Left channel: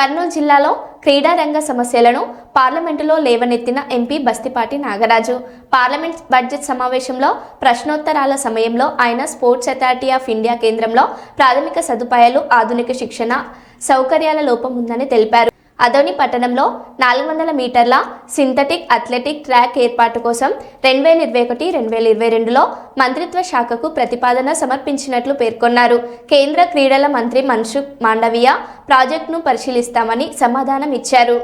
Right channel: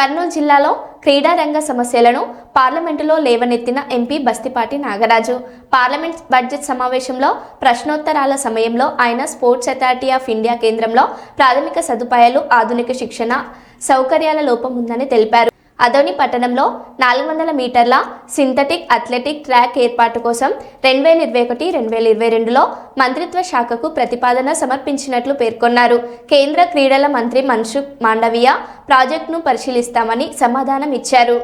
కర్నూలు జిల్లాలో క్రీడా రంగ సమస్యలను పార్లమెంటులో లేవనెత్తిన MP Bastipati Nagaraju parliament budget సమావేశంలో ప్రశ్నోత్తరాల సమయంలో ఆయన స్పోర్ట్స్ అథారిటీ ఆఫ్ ఇండియా కేంద్రంలో ప్రాథమిక సదుపాయాలు ఆధునిక శిక్షణ సౌకర్యాల లోపం ఉందని తెలిపారు. అదోని పట్టణంలో 400 మీటర్ల సింథటిక్ అథ్లెటిక్ ట్రాక్ ఏర్పాటు కోసం 2021-2022లో మంత్రిత్వ శాఖకు ప్రతిపాదన సమర్పించినట్లు పేర్కొన్నారు. కేంద్ర క్రీడల మంత్రి మన్సుఖ్ మాండవీయ ప్రాజెక్టును పరిశీలిస్తామని సమాధానం ఇచ్చారు.